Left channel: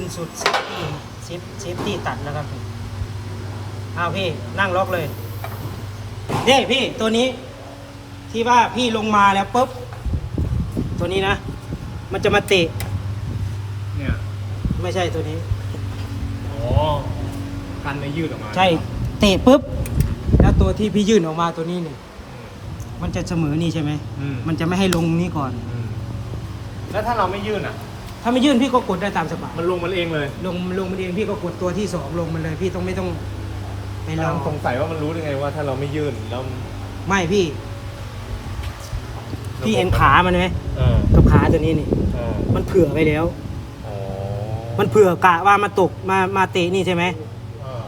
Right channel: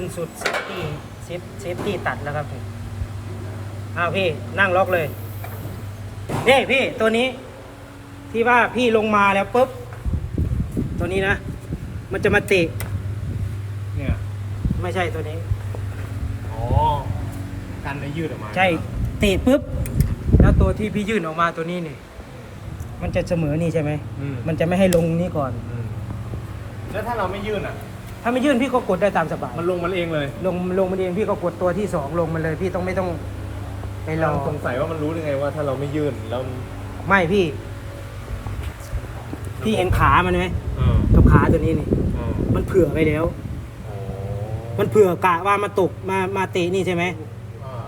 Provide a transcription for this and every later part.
ขึ้นสุดเซฟตี้เซฟเซฟตี้ตัดนะครับผมอ้าวพี่นั่งล็อกเลยนี่พี่ตัวนี้ ที่ว่าพี่ลงมาแล้วปุ๊บ ตัวนี้นะ มันจะมาเตะเนี่ยไม่ใช่ตัวนี้ อ๋อกันไม่ยืดออกมาใช่เตะปุ๊บ แล้วตัวที่พี่ยื่นออกมาตัวนี้เนี่ยมันจะเสมอนี่ใช่ไหมอืมมันจะไม่ให้ลงนี่ก่อน อืมแล้วถ้าเราไม่ยื่นอะ ถ้าไม่ยื่นพี่ก็กดได้ตามสบายมันลงมันเองเลยลงลงมันเองพี่ก็กดตัวที่สองลงมันเลยพี่ต้องไม่ต้องไปรอเราสงสัยว่ามันรู้ได้ไงว่าถ้าเราไม่ยื่นแล้วไม่พี่ พี่เห็นขามันไหมเออกับขาตัวนี้นี่เออมันเผื่อไว้แล้ว อ๋อมันเผื่อกะว่ามาตกมามาเตะนี่ใช่ไหมเออ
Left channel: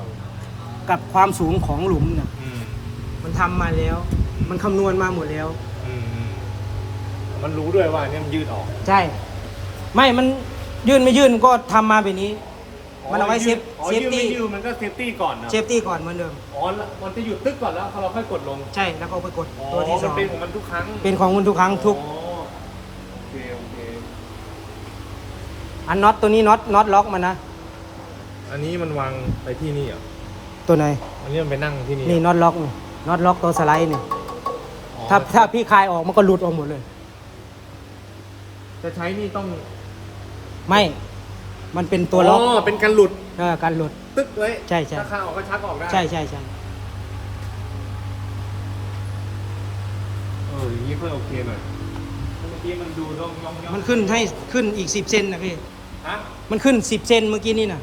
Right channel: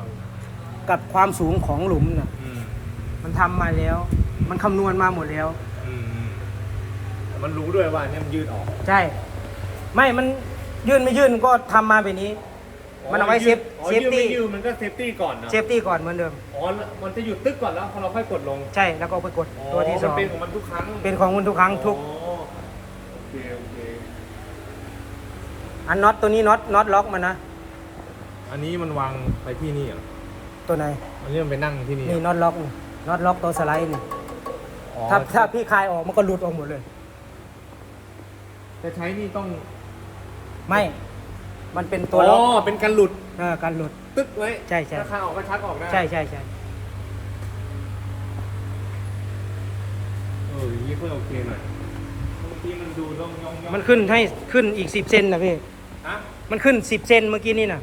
กับความสูงของหลุมน่ะ อืมมันทำมาแล้ว มันคำนวณมาหมดแล้ว อืมอืมมันรู้ด้วยว่าเนี่ยมันยืดออก ใช่ ไม่มันยื่นไม่ยื่นก็ทำมาแบบนี้ มันเอาไว้เซฟอ๋อเซฟยืดตี้ไม่ยืดมันก็เซฟตี้ก่อนนะเซฟตี้ก่อนเหมือนเดิม อ๋อแล้วมันจะหยุดตึ๊กก่อนแล้วพอเราค่อยกดลงใช่แล้วก็เอาไปกดอ๋อตัวที่สมัอนงเป็นของมันทุกครั้งเป็นของคุณทุกครั้งทุก อ๋อโอเคโอเคอันน็อตตัวนี้น็อตน็อตล็อกมันนะอันนี้มันวางไปที่นี่เหรอตัวไหนอันนี้มันไปนั่งที่นี่นี่เหรอน็อตล็อกนี่น็อตล็อกตัวสไลด์นี่อ๋อถ้าถ้าพี่คลายออกมันก็หลุดออกหมดเลย จะใช้นี่ต้อง ไม่ มันเป็นตัวอ๋ล็ออกเป็นการหลุดเออการหลุด ตึ๊กไว้ใช่ใช่ ถ้าข้าออกก็ชักออกได้ใช่ใช่ใช่เอออย่างนี้ค่อยโอเคหน่อยเมื่อกี้มันดูร่องย่องย่องมันขึ้นให้ขึ้นอีกสิบเซนนะพี่ ฮะมันขึ้นสิบเซนเมื่อกี้นี่นะ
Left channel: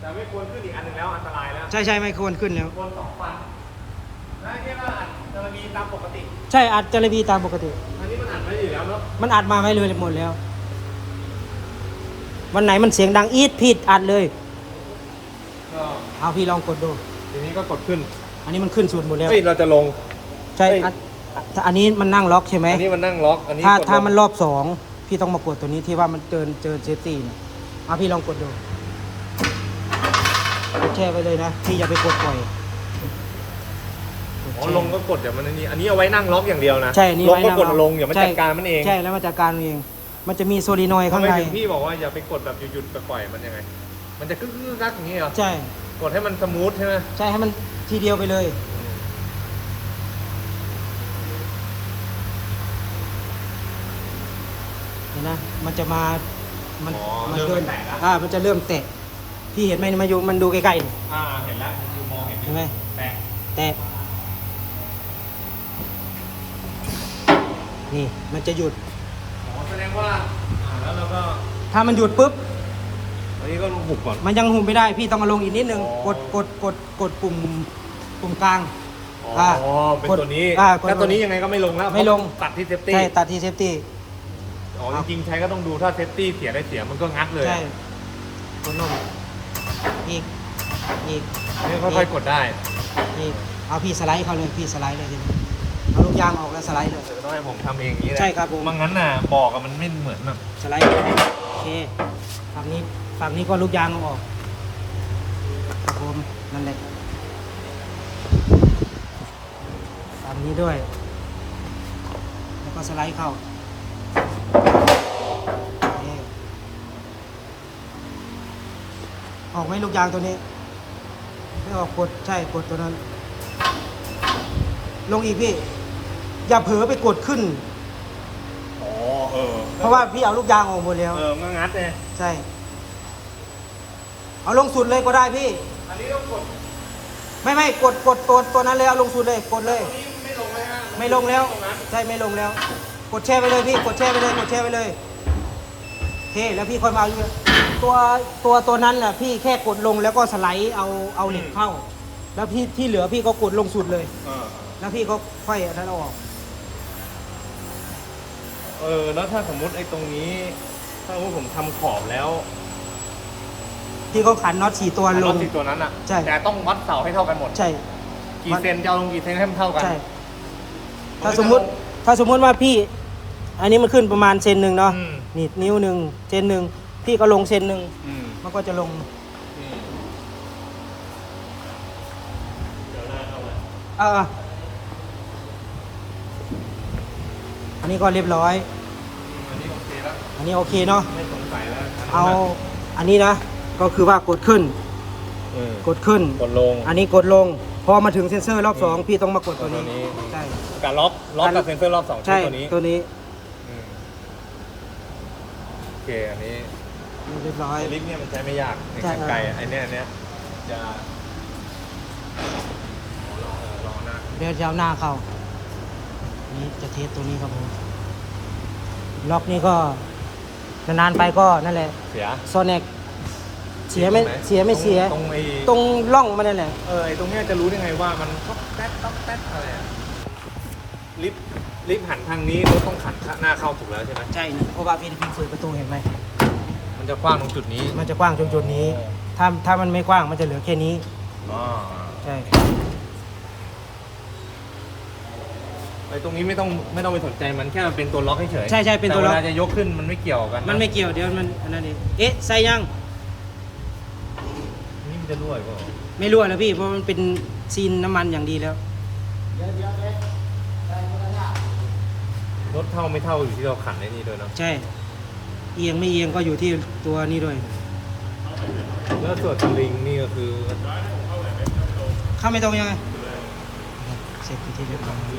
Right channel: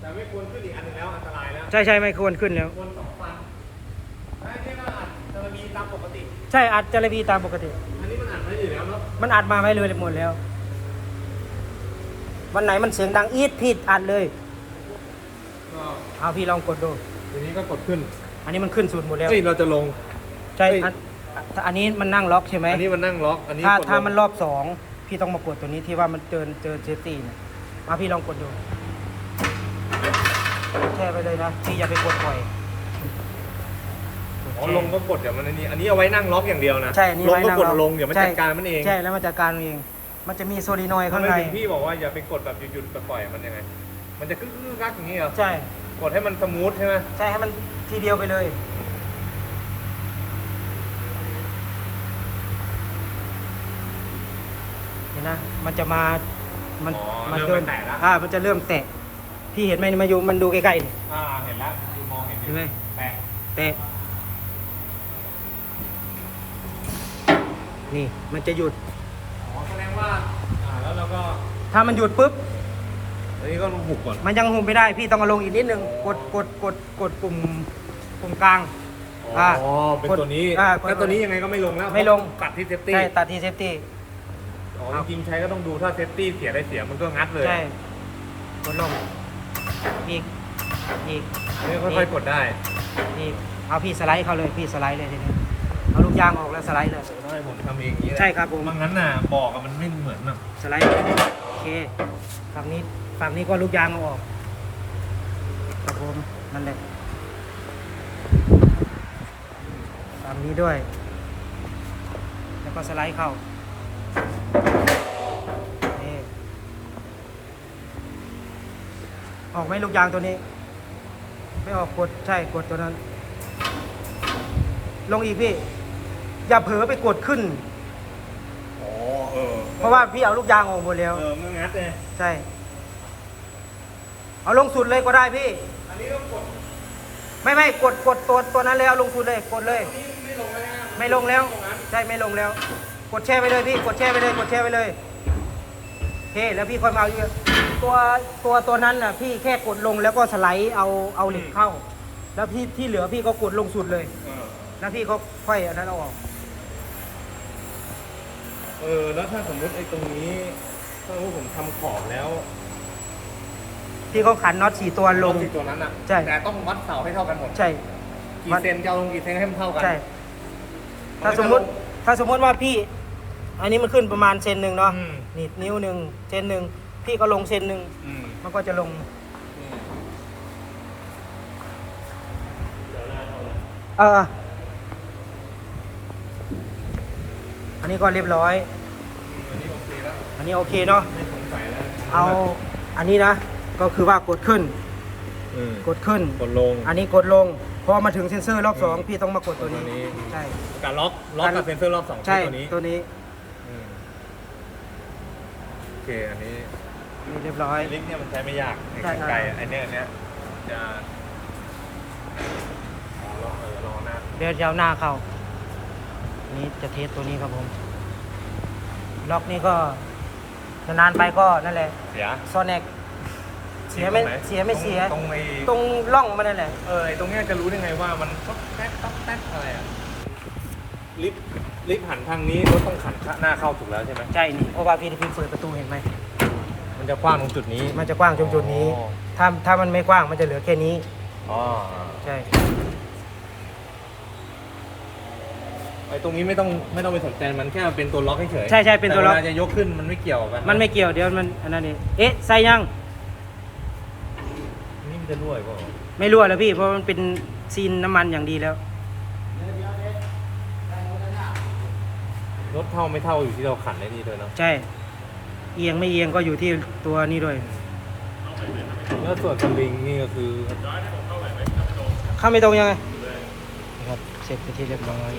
แต่ไม่ควรขึ้นอีกอันหนึ่งแล้วอันตรายแล้วใช่ใช่ไม่ควรขึ้นแล้ว ควรสองฟันได้แค่ว่าอัดจะมีตามปกติ ใช่อัดจระบีตามปกติ อันนี้มันอัดไว้อยู่แล้วเนาะมันอัดมาให้เลยหมดแล้ว วันไหนมันเสียงดังอีดผิดอัดเลยก็เอาพี่ลองกดดู ทีนี้ก็กดขึ้นอันนี้มันขึ้นสุดหมดแล้วเฮ้ยเราจะลง ใช่เฮ้ย อันอันนี้มันนั่งล็อกใช่ไหมอันนี้มันนั่งล็อกอันนี้ถ้ากดลงถ้ามันรอบสองพี่ต้องมากดตัวนี้ที่ว่ามันเจอเจอเซฟตี้เนี่ยเอาพี่ลองกดดูกดแช่ไปเลยนะพี่อย่าไปกดปล่อยกดอ๋อแช่ ลงก็กดเดี๋ยวมันอันนี้อันนี้เอาไว้นั่งล็อกอย่างเดียวนะใช่อันนี่ลงไว้ก็นั่กดล็อลงเดี๋ยวมันใช่จัดการมันเองใช่แล้วมันจัดการเอง มันจะมีโซลีนอยด์ทำข้างไมในถึงพี่บอกว่าอย่าไปกดแบบหยุดๆแบบปล่อยมันยังไง มันจะกึกกกักอย่างนี้เหรอ ใช่กดให้มันสมูทใช่ไหมใช่ให้มันทีเดียวไปเลย เห็นนะมันจะมามันอ๋อมันเริ่เดิมนแตะแล้วอ่ามันจะเริ่มแตะพี่เห็นไหมมาอยู่มันดูใกล้ๆนี่อ่า เห็นแล้วดูมองเห็นเห็นไหมแตะแตะนี่มันจะหยุด อ๋อแสดงว่าอ่าแล้วเราก็ ถ้ามันหยุดปุ๊บ อันนี้ก็หุบก่อน มันยังหุมไม่ได้พี่ต้องเอาลงอีกนิดนึงอ๋อกดกดกดกดปุ่มปุ่มกลาง อ๋ออ่าเป็นตัวนี้อ่ากดแล้วตัวนี้ยังไงก็ไม่ลงแล้วไม่ลงตัดที่เซฟตี้ ใช่ตัดที่เซฟตี้ อ๋อ จริงๆใช้ก็ต้องดูถ้าเซฟตี้เสียได้เสียมันก็งัดเลยใช่กดลงอีกอีกนี่ค่อยๆกดได้อีกเอาพี่สไลด์เข้าเลยพี่สไลด์เลยทีนี้เอาลูกยางออกแล้วสไลด์เลยเออต้องให้ผมทำเองอย่างนี้แหละใช่ครับผม ไมันงั้นน่ะบอกอะมันไม่เหมือนแบบสไลด์เลยโอเค ฝั่งนี้ฝั่งนี้ก็ลูกยางเอาออกครับผมนั่นแหละฝั่งนี้ด้วย แล้วก็สไลด์เข้าอออกไหมลูกยางตัวนี้ ไม่ออกกดใช่กดตัวนั้น ลงอีกพี่ อย่าเผลอไปกดขึ้น อ๋อเออเพราะว่าพี่เอาลูกยางออกหมดแล้ว เออมันงัดเลยใช่ เอาลงสุดเลยก็ได้พี่ อันนี้ต้องกดไม่ไม่กดกดตัวตัวนั้นเลยเอาลงสุดเลยกดเลย นี่ไม่ลงเลยนะไม่ลงแล้ว ใช่ไม่ลงแล้ว กดแช่ไปเลยพี่กดแช่ไปเลย กดแช่ไปเลยโอเคแล้วพี่ค่อยมาเอาอยู่ตัวตัวตัวนั้นน่ะพี่แค่กดลงแล้วก็สไลด์เอาเอาเหล็กเข้า แล้วพี่ที่เหลือพี่ก็กดลงสุดเลย เออแล้วพี่ก็ค่อยอันนั้นเอาออก เออ แล้วถ้าสมมุติไอ้ตรงนี้ ถ้าสมมติผมทำขอบแล้วพี่ก็ขันน็อตสี่ตัวลรงถติดตัวนั้นอะใช่ แต่ต้องวัดเสาให้เท่ากันหมด ใช่ กี่เซนจะเอาลงกี่เซนให้มันเท่ากัน ใช่ ถ้าสมมุติ ถ้าสมมุติว่าพี่ อันนี้มันขึ้นประมาณเซนหนึ่งเนาะ อืม นี่นิ้วหนึ่งเซนหนึ่ง พี่ก็ลงเซนหนึ่ง อืมมันก็จะลง นี่เดี๋ยวหน้าเอาละเออ อันนี้ก็เรียบร้อย อันนี้โอเคแล้ว อันนี้โอเคเนาะ ไม่สงสัยแล้วใช้เอาอันนี้นะ ก็คือว่ากดขึ้น อืมกดขึ้น กดลง อันนี้กดลง พอมาถึงเซ็นเซอร์รอบสองพี่ต้องมากดตัวนี้ ตัวนี้ ใช่ การล็อก ล็อกกับเซนเซอร์รอบสองใช่ ตัวนี้ตัวนี้อืมโอเค อันนี้ เรียบร้อย ลิกเนี่ยมันใช้ไม่ยากใช่กันไกลอันเนี้ยอันเนี้ยจะลองเออลองนะ เดี๋ยวจะเอาหน้าเข้าอั นนี่จะเทสตัวนี้ครับผม ล็อกนี่ก็นานๆไปก็นั่นแหละเสีย โซเน็กเสียไม่ตรงหนเสียไม่เสีย ตรงไอ้ตรงร่องมันนั่นแหละเออไอ้ตรงเนี้ยจะรู้ได้ไงว่ามันต๊อกแต๊กต๊อกแต๊กอะไรอะลิฟต์ลิฟต์หันทางนี้รถต้องหันหน้าเข้าถูกแล้วใช่ไหมใช่เพราะว่าพี่พี่เปิดประตูเห็นไหม มันจะกว้างตรงจุดนี้มันจะกว้างตรงจุดนี้อ๋อถ้าถ้ามันไม่กว้างมันจะเหลือแค่นี้ อ๋อ ใช่ ไอ้ตรงนี้ไม่ต้องไม่ต้องไปสนใจมันแค่มันเป็นตัวล็อกเฉยๆใช่ใช่เป็นตัวล็อก แเวลาจะยกขึ้นมันไม่เกี่ยวกันมันไม่เกี่ยวเดี๋ยวมันอันนั้นเองเอ๊ะใส่ยังนี่มันจะรั่วอีก็ไม่รั่วแล้วพี่เพราะมันเป็นซีนน้ำมันอย่างดีแล้ว รถเท่าไม่เท่าอยู่ที่เราขันไอ้นี่ด้วยเนาะใช่ เอียงไม่เอียงก็อยู่ที่ตัวนี้ด้วยแล้วส่วนสลิงนี่ก็คือเข้าไม่ตรงยังไงครับเสร็จไปนที่เรียบร้อย